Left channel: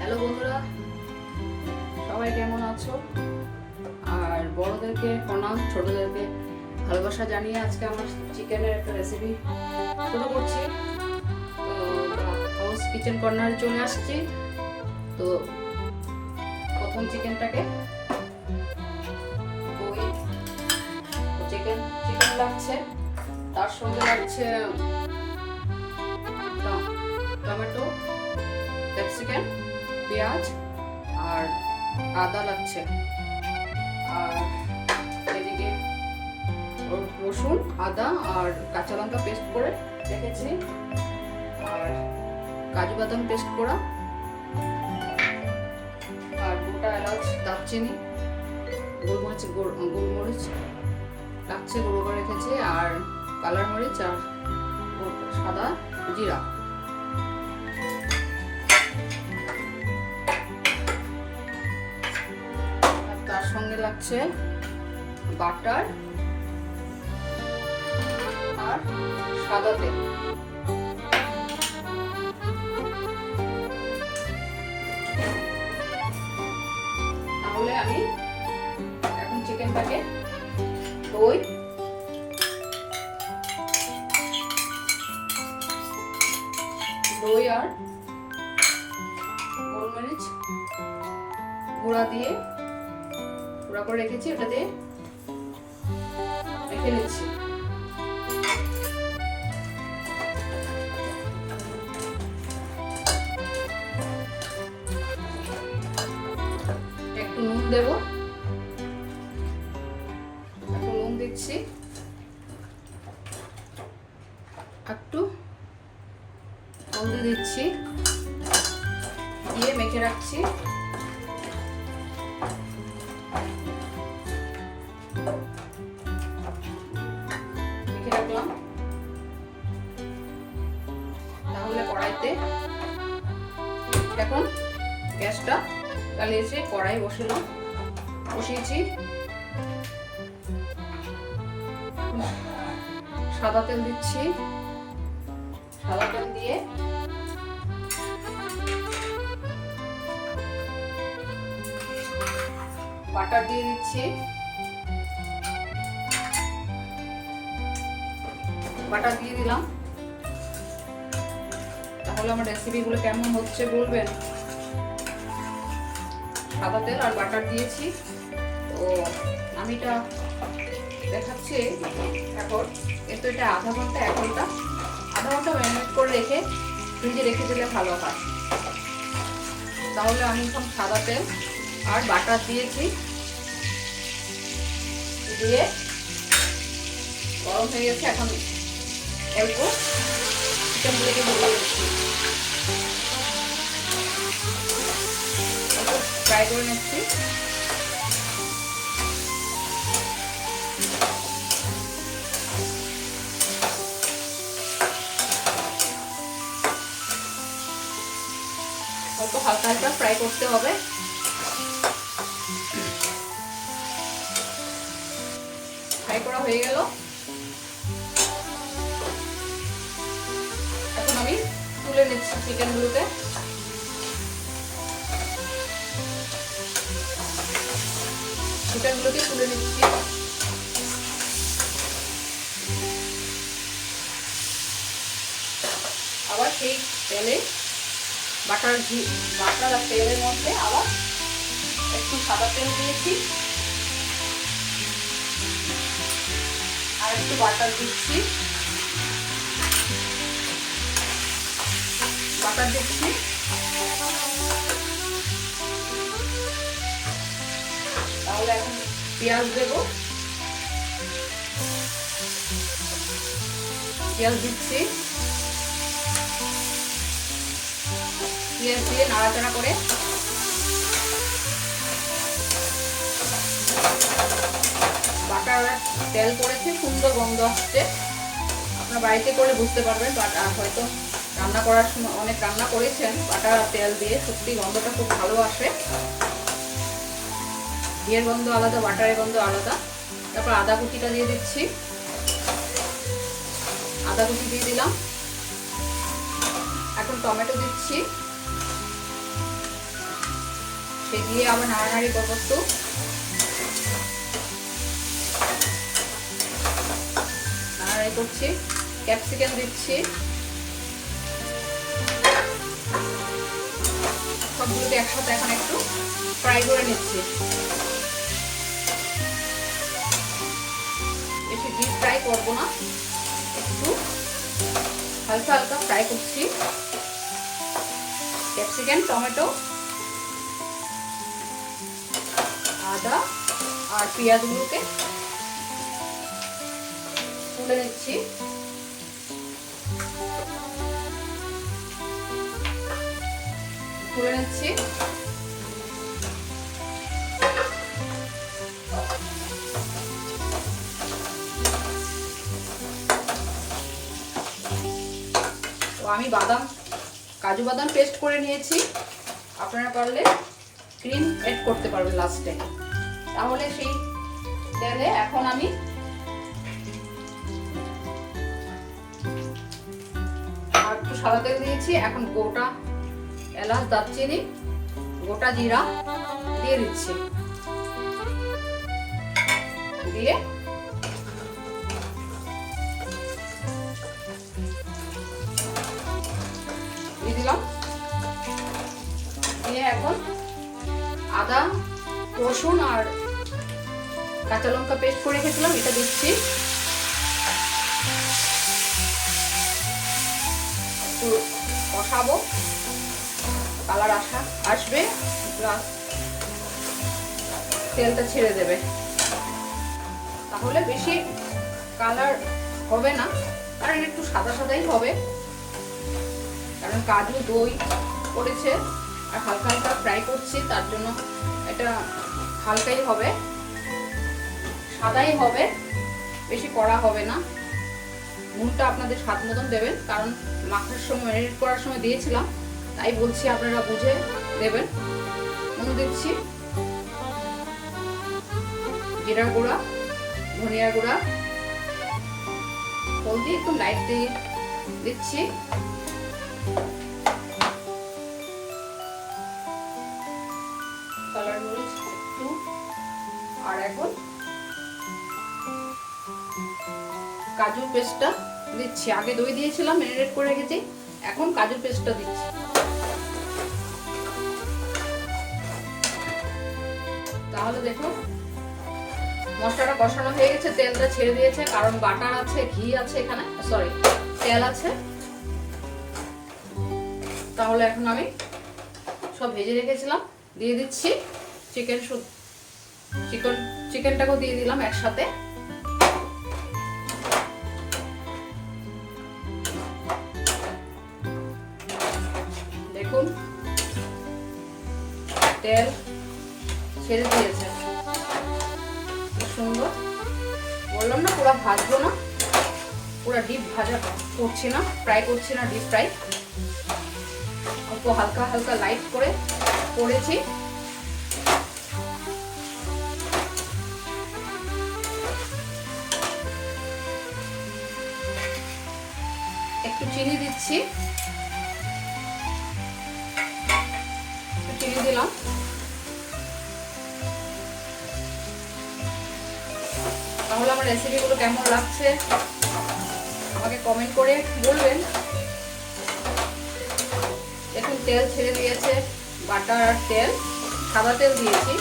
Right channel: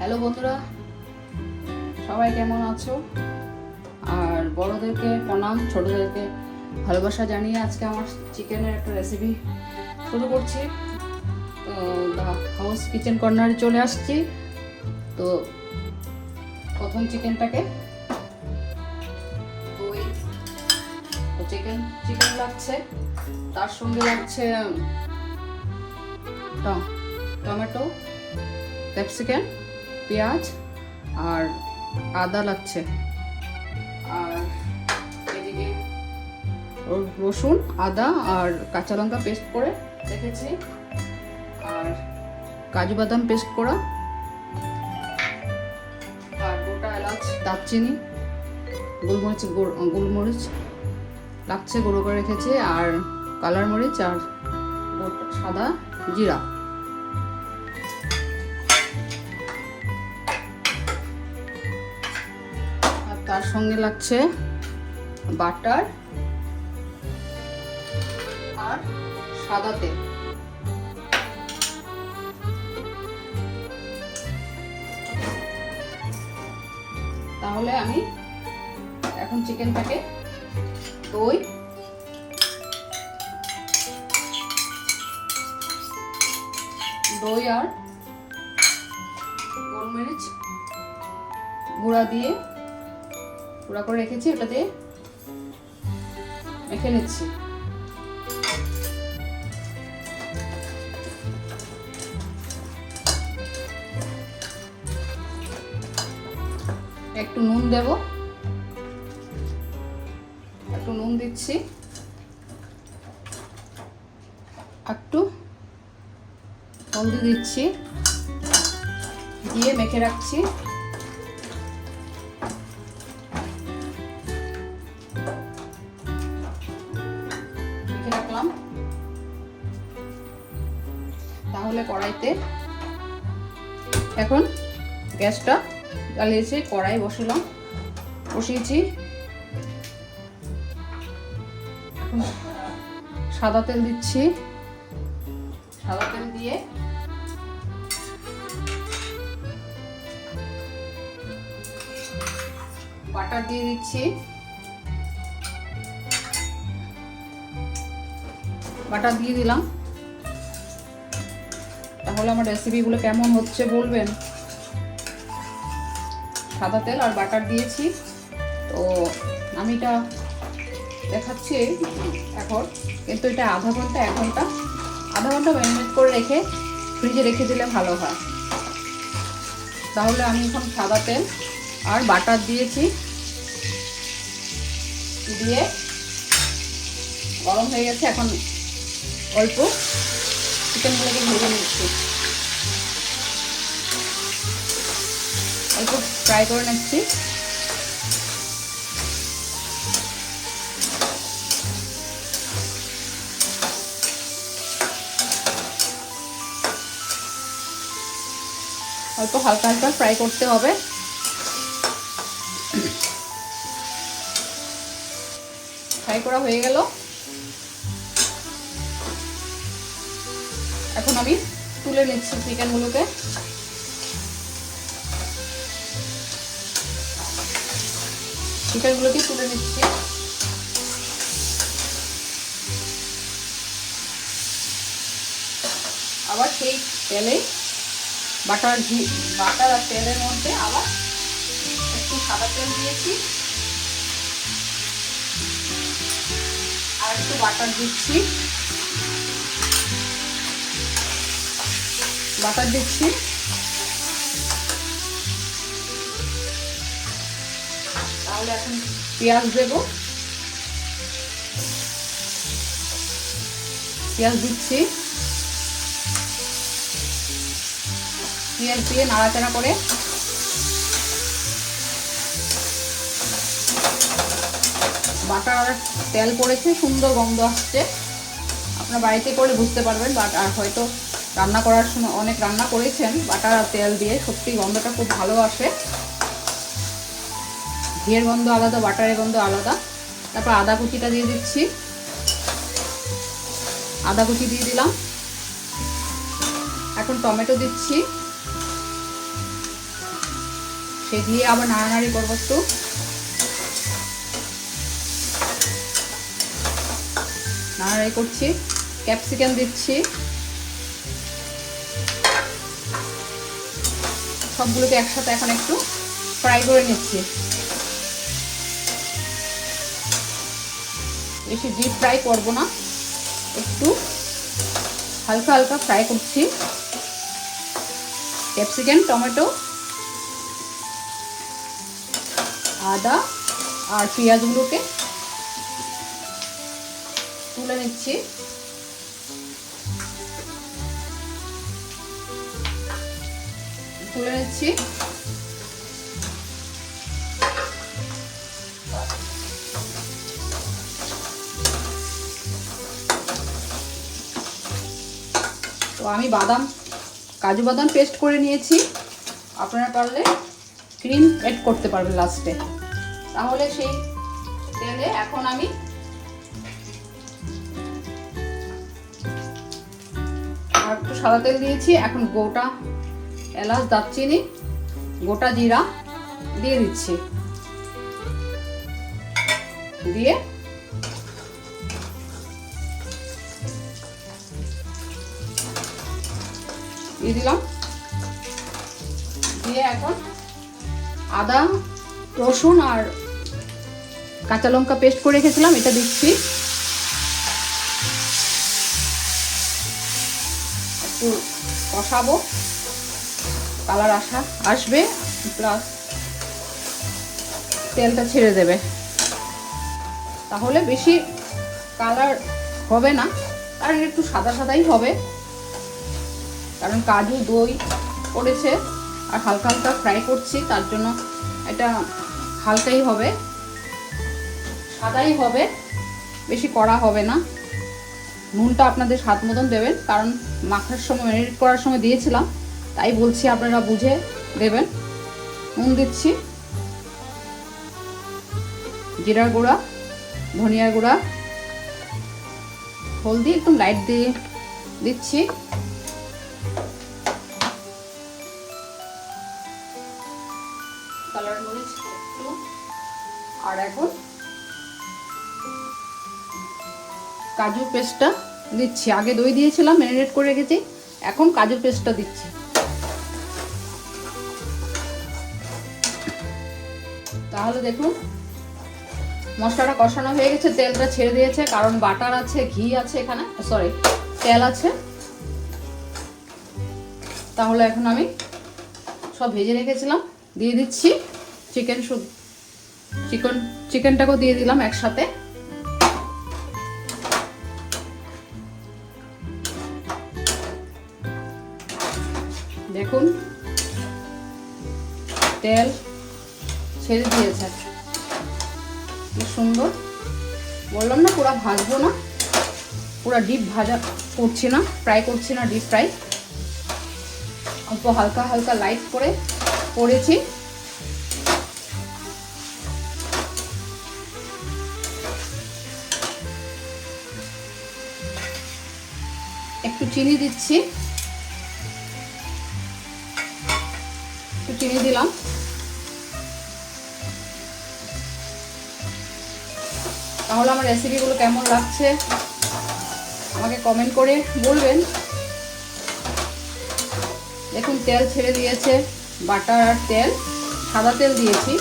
Hello বন্ধুরা, সবাই কেমন আছো? আর বড়দেরকে প্রণাম, ছোটদেরকে ভালোবাসা জানিয়ে আজকে আমার চিকেনের একটা রেসিপি শুরু করছি। তো হাউস কিচেন কর্নারে চলে আসছি। তো প্রথম চিকেনটাকে চিকেন লাগছে, তার সঙ্গে লাগছে টমেটো, ক্যাপসিকাম, পেঁয়াজ আর আদা লাগছে। আর এদিকে রসুন, আদা আর কাঁচা লঙ্কা পেস্ট করে রেখেছি, আর কাজু বাদাম পেস্ট করা, আর গোটা এলাচ, দারচিনি, গোলমরিচ লাগছে, গুঁড়ো করে রেখেছি, আর কালার মরিচ আর সাদা জিরা। তার সঙ্গে লাগছে বাটার আর সাদা তেল। তাহলে আমি এখন চিকেনটাকে দই আর গোলমরিচ গুঁড়া দিয়ে গুঁড়া করে রেখেছি, ওটা দিয়ে মেখে নিচ্ছি। একটু নুন দেব, একটু নুন দিচ্ছি, একটু হলদি দিচ্ছি, দিয়ে মেখে রাখছি। রাখলাম। তাহলে কড়াইতে এখন গ্যাসটা জ্বালিয়েছি, কড়াই বসিয়েছি। সাদা তেল দিচ্ছি, সাদা তেল দিয়ে বাটার দিয়ে দিচ্ছি, বাটার দিয়ে দিলাম। তাহলে আমার রেসিপিগুলো কেমন হচ্ছে বলবেন। সাদা তেল আর বাটার দিয়েছি। তো আমি এটা দেখাচ্ছি এখন, কিন্তু এটা আধা ঘন্টা ম্যারিনেট করে রেখে ফ্রিজে রেখে দিলে ভালো হয়। তাহলে আমি এখন সাদা তেল আর বাটার দিয়েছি, দিয়ে গরম হয়ে গেছে। এখন অল্প চিকেনগুলোকে ভেজে নিচ্ছি, একটু ফ্রাই করে নিচ্ছি। অল্প হালকা হালকা ফ্রাই করতে হবে। ফ্রাই করা হয়ে গেল। এখন আমি তুলে নিচ্ছি চিকেনগুলোকে। তুলে নিচ্ছি। আবার সেই তেলে বাটার আর তেলের মধ্যে আবার একটু সাদা তেল দিয়েছি, আর একটু বাটার দিচ্ছি, তাহলে এখন পেঁয়াজ দেব, পেঁয়াজ দিচ্ছি। পেঁয়াজ দিয়ে নাড়াচাড়া করে বাটার তেল করেছি, সুন্দর গন্ধ আসছে। আপনার বাড়িতে করে বুঝতে পারবেন, বাট আর হয়তো রান্না করার সময় অনেক রান্না করেছেন বাটার আর তেল দিয়ে, সত্যি গন্ধটা খুব ভালো আসে। ঘিয়ের গন্ধ আলাদা, বাটারের গন্ধ আলাদা। তারপর আদা কুচিটা দিয়ে দিচ্ছি, আদা কুচি দিয়ে দিলাম। এখন টমেটো দিচ্ছি, সে দিয়ে আবার নাড়ানাড়ি করবো একটু। নাড়ানাড়ি করছি, ক্যাপসিকাম দিচ্ছি, সবগুলোকে একসাথে এখন একটু ফ্রাই করে নিচ্ছি। বেশি ডিপ ফ্রাই করবো না, একটু হালকা হালকা ফ্রাই করছি। ক্যাপসিকাম, টমেটো, আদা আর পেঁয়াজগুলোকে তুলে নিচ্ছি। তুলে নিচ্ছি। তো আমি কাজু বাদাম পেস্ট করে নিয়েছি, আপনারা পারলে ক্রিম এড করতে পারবেন লাস্টে। তাহলে সেই তেলে এখন আমি আর একটু সাদা তেল দিয়েছি। এখন গোটা এলাচ, দারচিনি, গোটা জিরা দিয়ে দিচ্ছি। দিয়ে দিলাম। দিয়ে এখন আদা, রসুন আর কাঁচা লঙ্কা পেস্ট করে রেখেছিলাম, এটা দিচ্ছি। একটু কষাবো, কালার আসবে, প্লাস তেলটা ছেড়ে দেবে। তাহলে বেশি কালার হবে না, আর একটু সাদা সাদাই হবে, কারণ কাজু দই পড়েছে আর হালকা হালকা ফ্রাই করছি, তার জন্য এটা হালকাই হবে, সাদাই হবে, বেশি কড়া হবে না। নুনটা আপনাদের স্বাদ মতন দেবেন, কারণ মাখার সময়, ম্যারিনেট করার সময় দিয়েছিলাম, তাই বলছি আপনারা বুঝে দেবেন। নুন দিচ্ছি, জিরার গুঁড়া, ধনিয়ার গুঁড়া, হলদি একটু লাইট দিয়ে দিচ্ছি। কালার মরিচ একটু, আর এখন কাজু পেস্টটা দিচ্ছি। আগে দই দিয়েছিলাম, ম্যারিনেট করে রেখেছি, এখন কাজু পেস্টটা দিচ্ছি। তাহলে দেখুন মশলাটা কষানো হয়ে গেছে, তেলটা ছেড়ে দিয়েছে, কারণ বাটার আছে, ঘি আছে, এখানে সরি তেল আছে। তাহলে এখন আমি সব ভেজে রেখেছিলাম দিয়ে দিচ্ছি। চিকেনটাকেও দিয়ে দিলাম একসাথে। দেখুন তেল ছেড়ে দিয়েছে, কি সুন্দর। বললাম না পুরো ভাজবো না, পুরো ডিপ ভাজা করছি না, ফ্রাই করছি না, ডিপ ফ্রাই, অল্প হালকা হালকা লাইট করে করেছি। একটু চিনি দিচ্ছি, চিনি দিলাম। তাহলে আমার রেসিপিগুলো কেমন লাগছে আমাকে কমেন্ট করে বলবেন। দেখুন তেল ছেড়ে দিয়েছে, বাটার আর তেল, সাদা তেল দিয়েছি।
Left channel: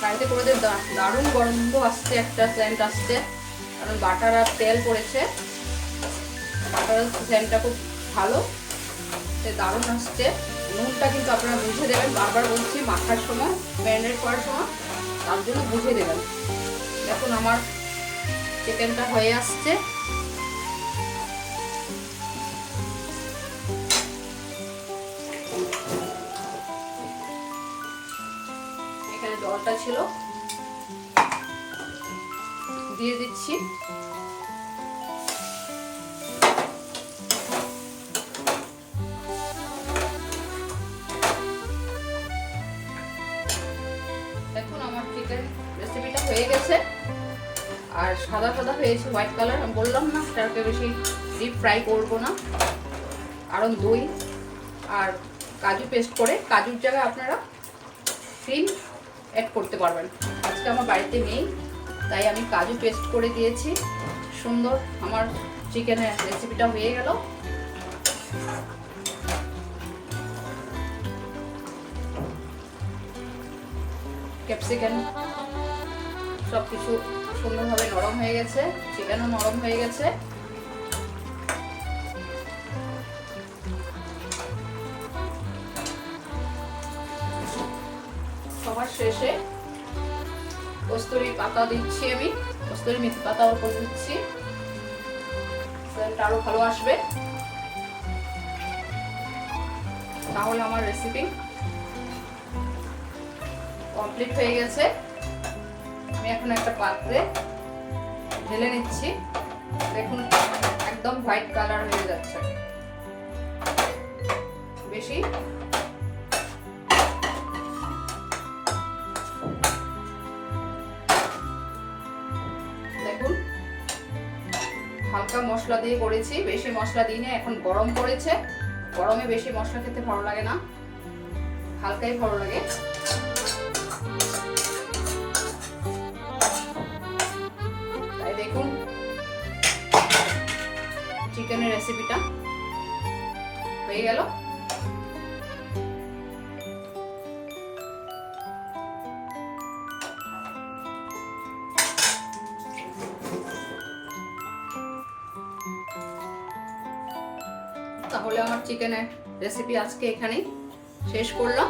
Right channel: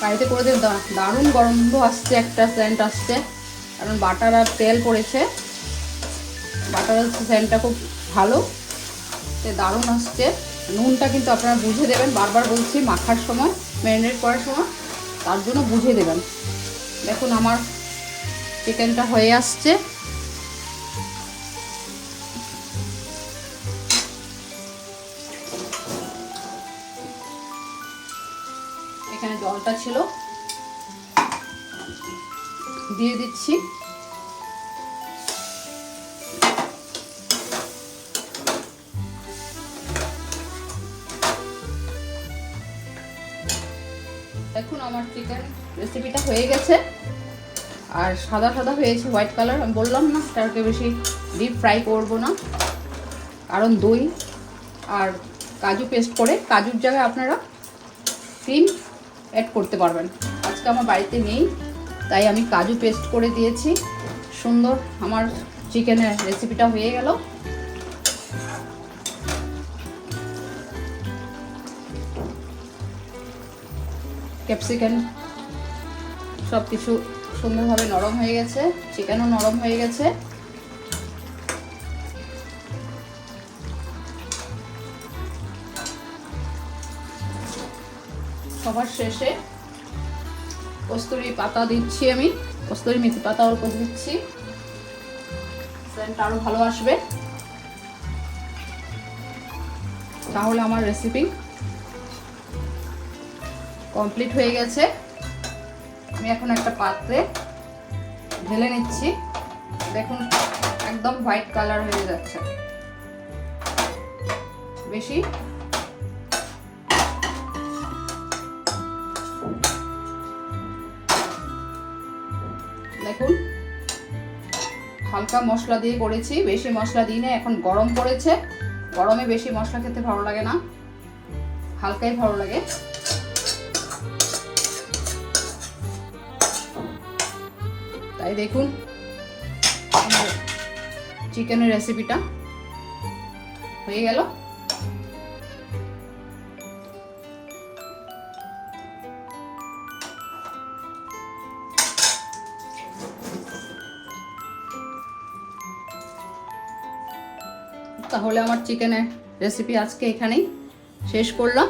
বাড়িতে করে যে দারুণ গন্ধ আসছে, একটা সেন্ট আসছে, কারণ বাটার আর তেল পড়েছে। বাটারের সেন্টটা খুব ভালো, দারুণ আসছে। নুনটা কিন্তু আপনারা বুঝে দেবেন, বারবার বলছি, মাখার সময়, ম্যারিনেট করার সময়, তার জন্য বুঝে দেবেন। দেখুন আমার চিকেনটা হয়ে আসছে। এখানে জলটা ছিল, দিয়ে দিচ্ছি। দেখুন আমার চিকেন রেসিপিটা হয়ে গেছে, আর সাদা সাদা হয়েছে, হোয়াইট কালার। আমি বললাম না তাকে বেশি ডিপ ফ্রাই করবো না, কারণ দই আর কাজু পেস্ট করে, কাজুর জায়গায় আপনারা ক্রিম অ্যাড করতে পারবেন। আজকে আমার বাড়িতে নেই, তাই আমি কাজু পেস্ট করে দিয়েছি। সুন্দর আমার চিকেনের রেসিপিটা হয়ে গেল। ক্যাপসিকাম সব কিছু সুন্দরভাবে নরম হয়ে গেছে, চিকেনও নরম হয়ে গেছে। সবার শেষে কস্তুরি পাতা দিচ্ছি, আমি কস্তুরি মেথি পাতার উপর দিচ্ছি, সেন্টটা আরো ভালো আসবে। তাহলে আমার রেসিপি কমপ্লিট হয়ে গেছে। আমি এখন একটা পাত্রে ঢেলে নিচ্ছি। দেখুন একদম হোয়াইট কালার হয়ে যাচ্ছে। বেশি দেখুন হালকা মশলা দিয়ে করেছি, বেশি মশলা দিই না। এখন গরম পড়েছে, গরমে বেশি মশলা খেতে ভালো লাগে না, হালকাই ভালো লাগে। তাই দেখুন চিকেনের রেসিপিটা হয়ে গেল। তাহলে আমার চিকেনের রেসিপি আজকে এখানেই শেষ করলাম।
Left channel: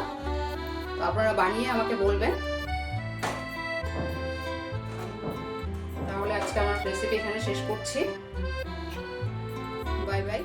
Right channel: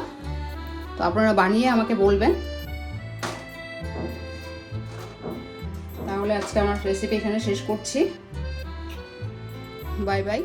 তো আপনারা বানিয়ে আমাকে বলবেন। তাহলে আজকে আমার রেসিপি এখানে শেষ করছি। Bye bye.